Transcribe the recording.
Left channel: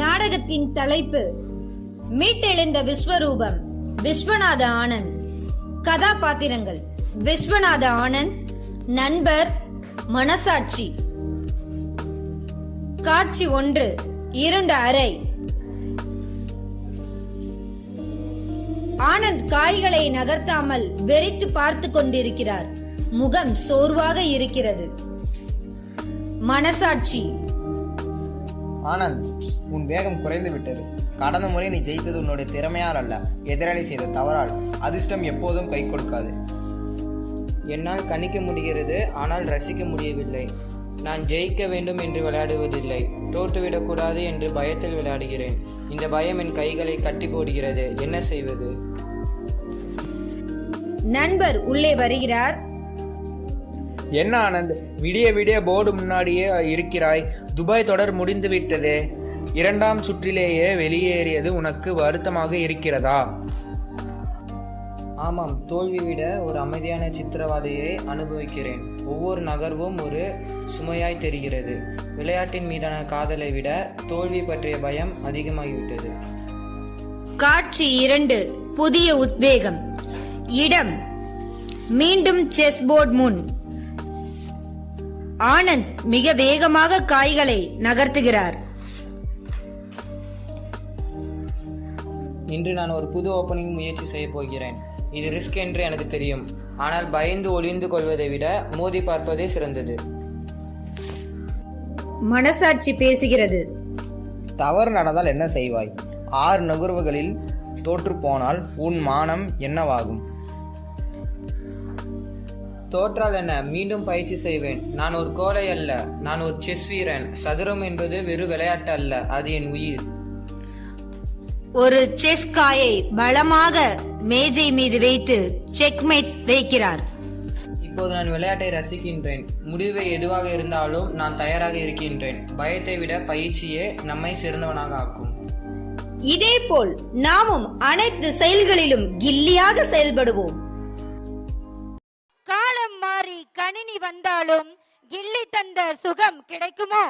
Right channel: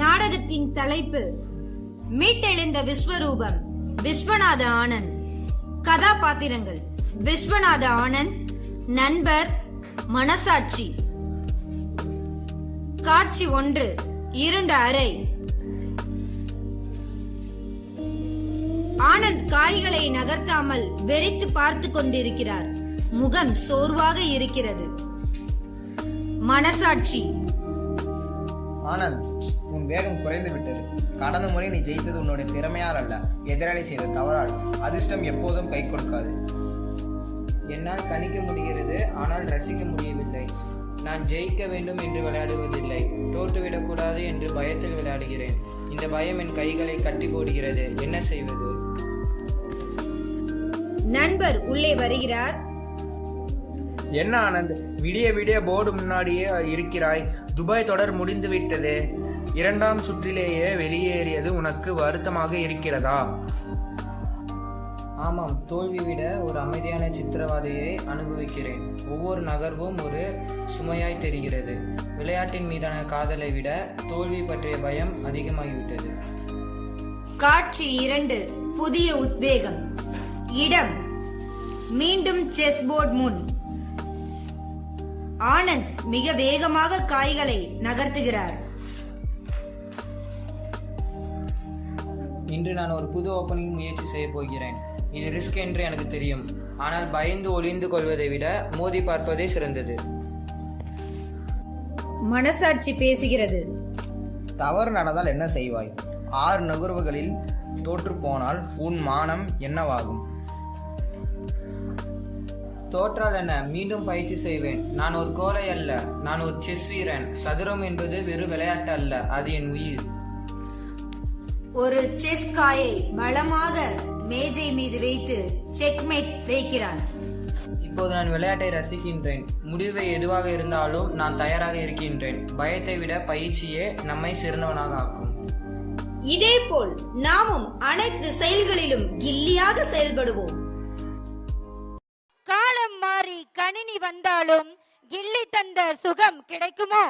நாடகத்தின் தலைப்பு மீட்டெழுந்த விஸ்வரூபம். விஸ்வநாத ஆனந்த். கதாபாத்திரங்கள்: விஸ்வநாத ஆனந்த், நண்பர், மனசாட்சி. காட்சி 1. இருண்ட அறை. ஆனந்த் காய்களை நகர்த்தாமல் வெறித்து பார்த்து கொண்டிருக்கிறார். முகம் சோர்வாக இருக்கிறது. மனசாட்சி: ஆனந்த், உன் வேகம் குறைந்து விட்டது. கடந்த முறை நீ ஜெயித்தது உன்னுடைய திறமையால் அல்ல, எதிராளி செய்த தவறால். அதிர்ஷ்டம் எப்போதும் கை கொடுக்காது. என்னால் கணிக்க முடிகிறது, ஆனால் ரசிக்க முடியவில்லை. நான் ஜெயிக்க வேண்டும் என்று விளையாடுவதில்லை, தோற்றுவிடக்கூடாது என்று பயத்தில் விளையாடுகிறேன். இந்த பயம் என் கைகளை கட்டி போடுகிறது. என்ன செய்வது? நண்பர் உள்ளே வருகிறார். என்ன ஆனந்த், விடிய விடிய போர்டு முன்னாடியே இருக்கிறாய். துபாய் தொடர் முடிந்து விட்டதே. 2ஆம் சுற்றிலேயே வெளியேறியது உனக்கு வருத்தமாக இருக்கிறதா? ஆமாம், தோல்வி விட ஒரு அமைதியான சித்திரவதையை அனுபவிக்கிறேன். ஒவ்வொரு நகர்வும் ஒரு சுமையாய் தெரிகிறது. விளையாட்டின் மீதான காதலை விட தோல்வி பற்றிய பயம் அதிகமாகிவிட்டது. காட்சி 2. புதிய உத்வேகம். இடம்: மீண்டும் செஸ் போர்டு முன். ஆனந்த் மிக வேகமாக காய்களை நகர்த்துகிறார். இன்று நான் ஒரு புது ஓப்பனிங் முயற்சி செய்ய போகிறேன். இது ரிஸ்க் என்று எனக்கு தெரியும், ஆனால் பயந்து ஒளிந்து கொள்வதை விட மோதி பார்ப்பதே சிறந்தது. மனசாட்சி பேசுகிறது. தவறு நடந்தால் என்ன செய்வாய்? 6 நகர்வுகளில் தோற்று போனால் உன் மானம் என்னவாகும்? தோற்றால் என்ன, மீண்டும் பயிற்சி செய்வேன். நான் ஒரு கோழை அல்ல, நான் ஒரு செஸ் வீரன். சதுரம் என்பது வெறும் விளையாட்டு அல்ல, அது என் உயிர். ஒரு செஸ் காயை பலமாக மேஜை மீது வைத்து செக்மேட் வைக்கிறார். இப்போது நான் விளையாட்டை ரசிக்கின்றேன். முடிவு எதுவாக இருந்தாலும் நான் தயாராக இருக்கின்றேன். பயத்தை விட பயிற்சியே நம்மை சிறந்தவனாக ஆக்கும். இதேபோல் நாமும் அனைத்து செயல்களிலும் கில்லியாக செயல்படுவோம். காலம் மாறி கணினி வந்தாலும் கில்லி தந்த சுகம் கிடைக்குமோ?